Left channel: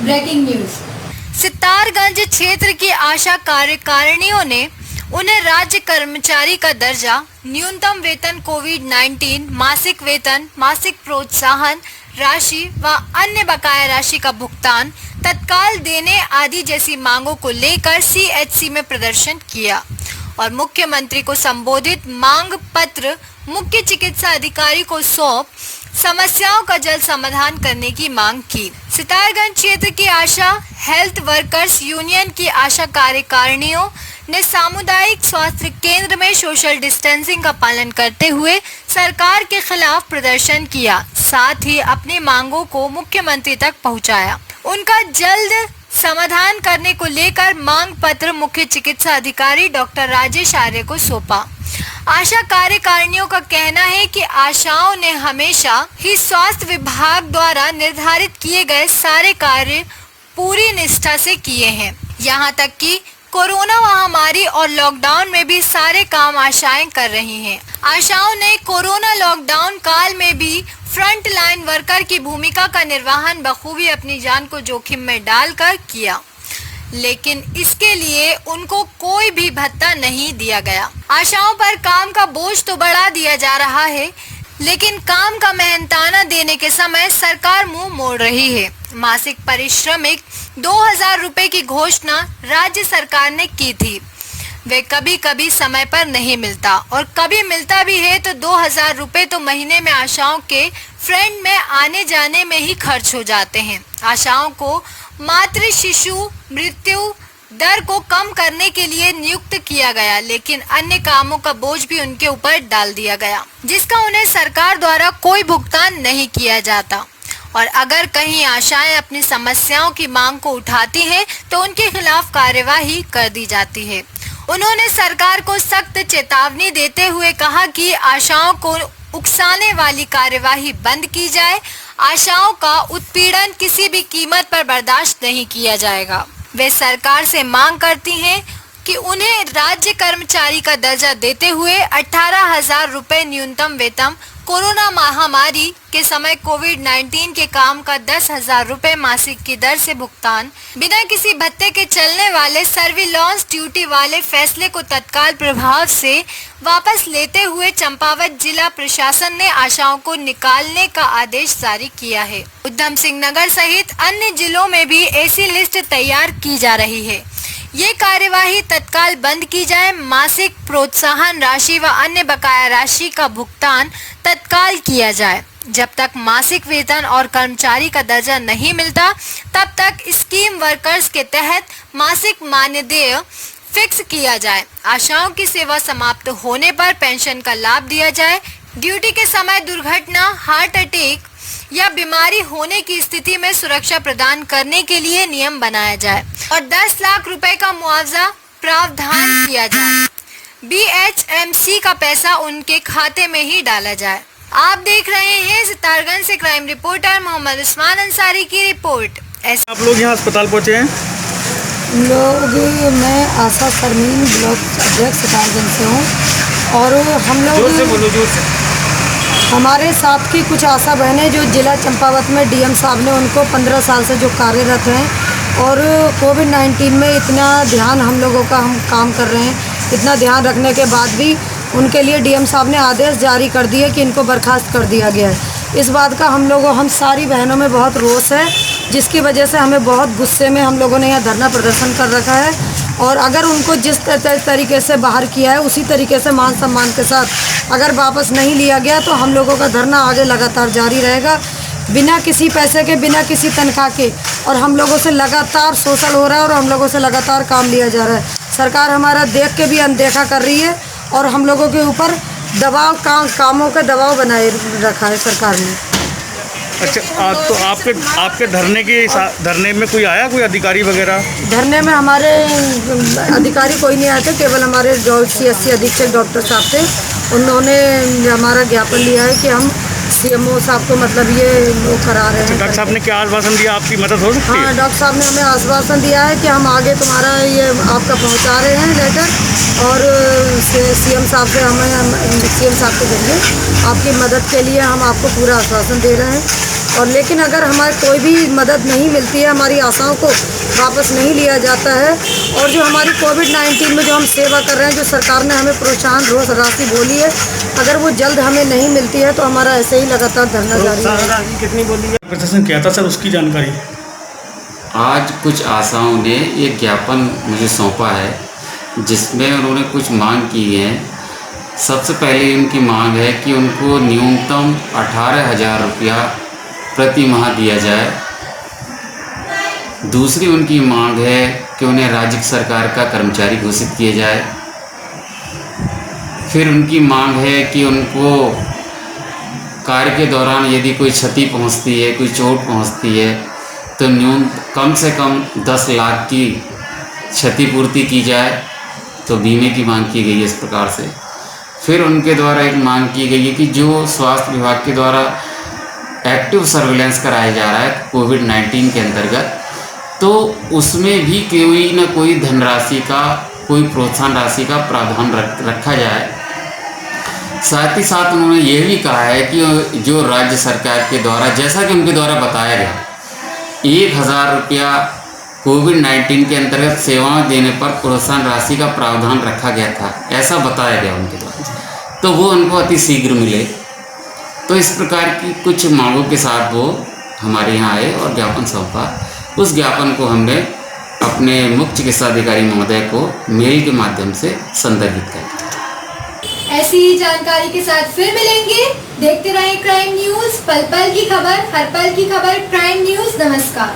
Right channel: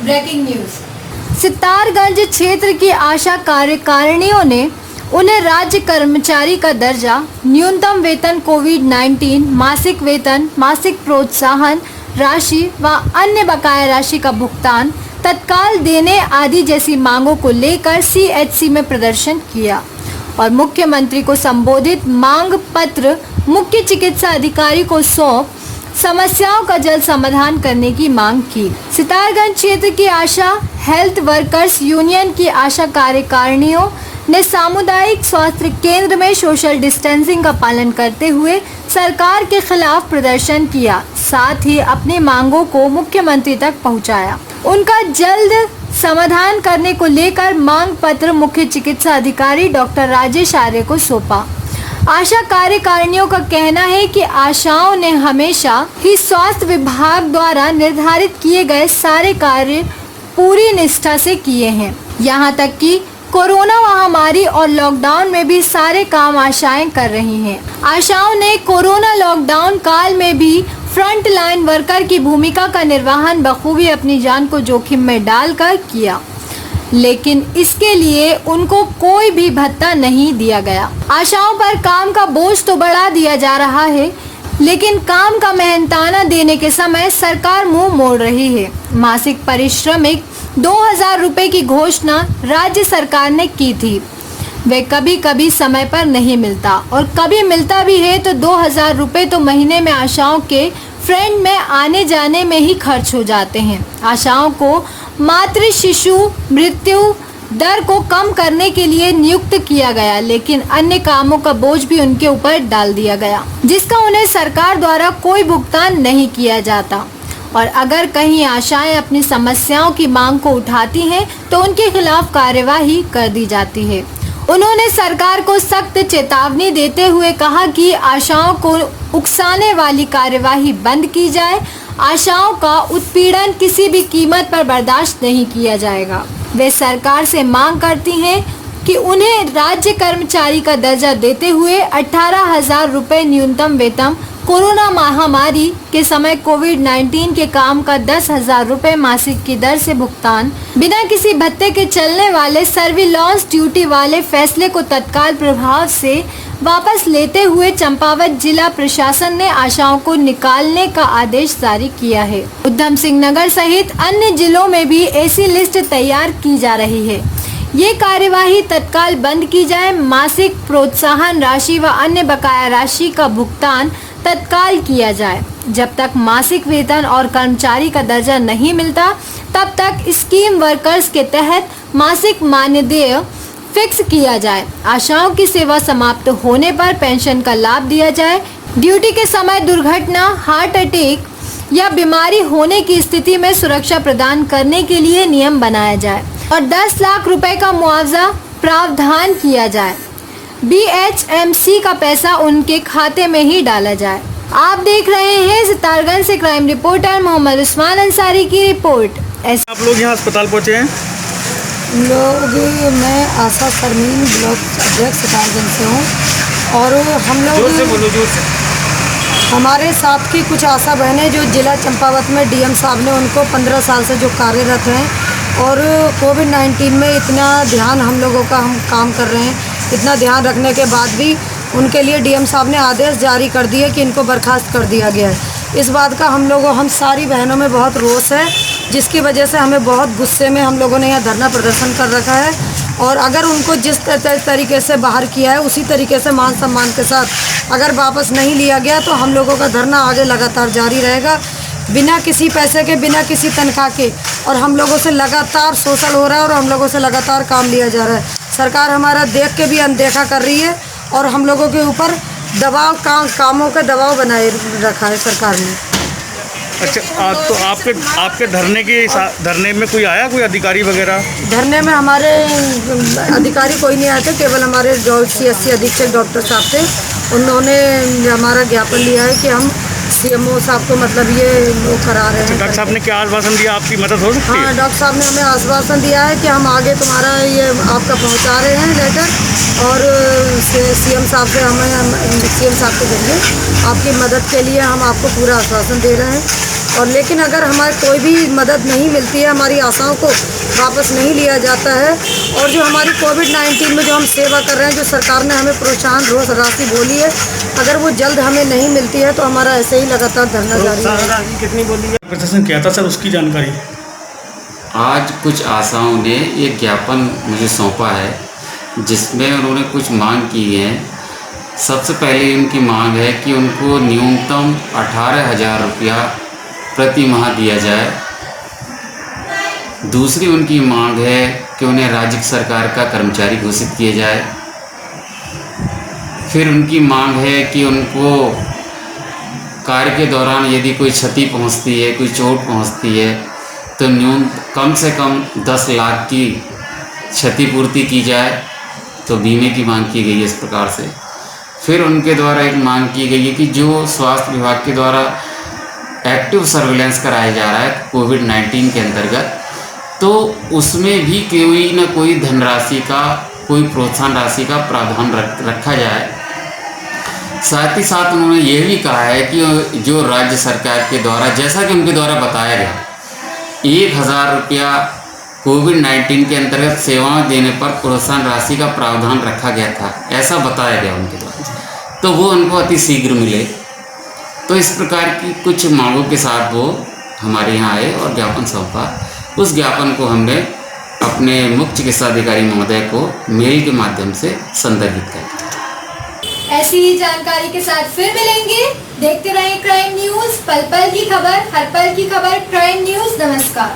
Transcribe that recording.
Breaking news. Sitarganj क्षेत्र की आशा कार्यकारिणियों ने उन्हें राज्य कर्मचारी का दर्जा, न्यूनतम वेतन, कोविड-19, मासिक वेतन, मासिक प्रोत्साहन राशि व अन्य बकाया राशि का भुगतान तत्काल देने आदि जैसी मांगों को लेकर CHC में प्रदर्शन किया और मुख्यमंत्री को संबोधित मांग पत्र मुख्य चिकित्सा अधिकारी को सौंप समस्याओं का जल्द समाधान करने की मांग की। सितारगंज क्षेत्र की आशा हेल्थ वर्कर्स यूनियन की आशा कार्यकारिणियों ने सामुदायिक स्वास्थ्य केंद्र में सोशल डिस्टेंसिंग का पालन करते हुए सरकार के खिलाफ प्रदर्शन किया, साथ ही अपनी मांगों को मुख्यमंत्री तक पहुंचाया। उनका जल्द समाधान करने को लेकर मांग पत्र मुख्य चिकित्सा अधिकारी डॉक्टर राजेश आर्य को सौंपा। आशा कार्यकारिणियों का कहना है कि आशाओं ने हमेशा ही स्वास्थ्य विभाग द्वारा निर्धारित किए गए सारे कार्य पूरी निष्ठा से किए हैं। यहां तक कि कोरोना महामारी और लॉकडाउन में भी सारे काम आशाएं कर रही हैं। आशाओं ने कोरोना लॉकडाउन काल में भी फ्रंट लाइन वर्कर की भूमिका का निर्वहन बखूबी अपनी जान को जोखिम में डालकर किया, लेकिन इसके लिए उनको कोई भी भत्ता नहीं दिया गया। आशाओं पर काम का बोझ तो बढ़ा दिया जा रहा है, लेकिन काम का मेहनताना देने के समय सरकार मुंह मोड़ रही है। मासिक पारिश्रमिक 2000 रुपए की घोषणा राज्य सरकार ने की थी, वे कभी कभी समय पर नहीं मिलता और कभी मिलता भी है तो 2000 रुपए तो महीने में आशाओं के फ्रेंड में आने जाने में ही खर्च हो जाते हैं। आशाओं को मातृ शिशु मृत्यु दर को कम करने के लिए नियुक्त किया गया, लेकिन अन्य कामों का बोझ भी उनके ऊपर डाल दिया गया, जिसका उन्हें सरकार द्वारा कोई भुगतान नहीं किया जाता। और अगर कहीं आशाएं अपनी समस्याओं की मांग को उठाती हैं तो उनके खिलाफ कार्यवाही कर दी जाती है। उन्होंने सरकार को सख्त चेतावनी देते हुए कहा कि आशाओं को उकसाने वाली कार्यवाही बंद की जाए। आशाओं का उत्पीड़न किसी भी कीमत पर बर्दाश्त नहीं किया जाएगा। वे सरकार से मांग करती हैं कि उन्हें राज्य कर्मचारी का दर्जा देते हुए 18,000 रुपए न्यूनतम वेतन, कोरोना महामारी के समय कोविड-19 के काम का 10,000 रुपए मासिक की दर से भुगतान, बिना किसी भत्ते के चलने वाले सर्विलांस ड्यूटी वाले फैसले को तत्काल प्रभाव से वापस लेते हुए चंपावत जिला प्रशासन ने आशाओं को निकालने का आदेश जारी किया है। उधम सिंह नगर सहित अन्य जिलों में भी ऐसी लिस्ट तैयार की जा रही है। ये कार्यवाही तत्काल बंद की जाए। मासिक प्रोत्साहन राशि व अन्य बकाया राशि का भुगतान तत्काल किया जाए। जब तक मासिक वेतन और कर्मचारी का दर्जा नहीं मिलता, तब तक स्कीम वर्कर्स के तहत मासिक मानदेय फिक्स किया जाए। आशाओं की सेवा समाप्त होने पर पेंशन का लाभ दिया जाए। ड्यूटी के समय दुर्घटना, हार्ट अटैक या बीमारी होने की स्थिति में सुरक्षा प्रदान करने के लिए नियम बनाया जाए और 10 लाख रुपए का मुआवजा प्रावधान किया जाए। BHMC का पैसा उनके खाते में ही डाला जाए। आप देख रहे हैं सितारगंज से क्राइम रिपोर्टर मोहम्मद उस्मान अंसारी की रिपोर्ट। आप लोग यहाँ अस्पताल पहुँचे हैं? मैं आशा सरमीन ब्लॉक अध्यक्ष सितारगंज से हूँ और हम लोग हमारे साथ की कुछ आशा बहनें जो जिला चंपावत में DM साहब ने उनको 15 साल से जो कार्यरत हैं और कोविड-19 में इतना ध्यान हम लोगों का हम काम कर रहे हैं, इतना ध्यान रखने के बाद भी उनके लिए DM साहब ने आदेश जारी कर दिए कि इनको बर्खास्त कर दिया गया है। इस बात का हम सारी बहनों में बहुत रोष है, जिसकी वजह से हमें बहुत गुस्से में हम लोगों ने यहाँ धरना प्रदर्शन कर रखा है और अगर उनको जिस तरीके से बाहर किया है उसी तरीके से मान सम्मान के साथ अगर वापस नहीं लिया गया तो हम लोगों का धरना आगे लगातार जारी रहेगा, बिना किसी पैसे के, बिना किसी तनख्वाह के। और हम लोगों से लगातार शोषण हो रहा है और हम लोगों से लगातार काम लिया जा रहा है। सरकार हमारा देख के भी अनदेखा कर रही है और हम लोगों के ऊपर दबाव कामों का दबाव बनाए रखा है सरकार ने। अच्छा, तो आपके धरने में कोई आया, कोई अधिकारी वगैरह? धरने में हमारे अधिकारी कोई नहीं आए थे, केवल हमारे CHC अधीक्षक डॉक्टर साहब थे। उन्होंने हमारा ज्ञापन लिया है कि हम CMO साहब को मतलब ये वो करा रहे हैं। डॉक्टर साहब ने क्या आश्वासन दिया, आपकी मदद हो सकती है? हाँ, डॉक्टर साहब ने हमें आश्वासन दिया है कि हम आगे तुम्हारा ये आपका पहुंचा रहे हैं लेटर और CM साहब से CM साहब के जरिए आपकी मदद के लिए हम आपको पूरा आश्वासन दे रहे हैं। और लेकिन अगर हमारी कोई भी मदद नहीं मिलती है, हमारी आशाओं को वापस नहीं लिया जाता है, और जो हमारी कोविड-19 में जो हम सेवा कर रहे हैं, जो सरकार ने हमें प्रोत्साहन राशि बोली है, अगर वो जल्द हमें नहीं मिलती है तो हमारा ऐसे ही लगातार धरना जारी है। प्रशासन क्या था सर, उसकी जानकारी? आज कुछ आशाओं ने एक ज्ञापन मुझे सौंपा है जिसमें उन्होंने कुछ मांग की है। सबसे पहले उनकी मांग है कि उनको न्यूनतम 18,000 रुपया प्रति माह दिया जाए। दूसरी उनकी मांग है कि उन्हें राज्य सरकार का कर्मचारी घोषित किया जाए। फिर उनकी मांग है कि उनको कार्य के दौरान यदि कोई क्षति पहुंचती है, कोई चोट पहुंचती है, तो कम से कम 10 लाख की क्षतिपूर्ति की जाए। तो बीमे की मांग की गई है इस प्रकार से। फिर उनके द्वारा एक मांग की गई है कि जो स्वास्थ्य विभाग के द्वारा एक्टिव सर्विलेंस कराया जा रहा है कोविड-19 के अंतर्गत, तो उसमें भी कोई न कोई धनराशि का, कोई प्रोत्साहन राशि का प्रावधान रखा जाए। साथ ही साथ उन्होंने ये भी कहा है कि जो राज्य सरकार के द्वारा, जैसा कि उनके द्वारा बताया गया, 1,000 रुपया कोविड-19 के अंतर्गत सेवाएं देने पर प्रोत्साहन राशि का प्रावधान रखा गया था, ऐसा बताया गया उनके द्वारा, तो वो उनको अति शीघ्र मिले। तो इस प्रकार की कुछ मांगों के साथ वो हमारे यहाँ आए और ज्ञापन सौंपा। उस ज्ञापन को हमने अपने मुख्य चिकित्सा अधिकारी महोदय को मेल के माध्यम से संदर्भित किया। ऐसी ही जानकारी के साथ फिर मिलेंगे। देखते रहें क्राइम न्यूज, पल पल की खबर, हर पल की खबर। क्राइम न्यूज, नमस्कार।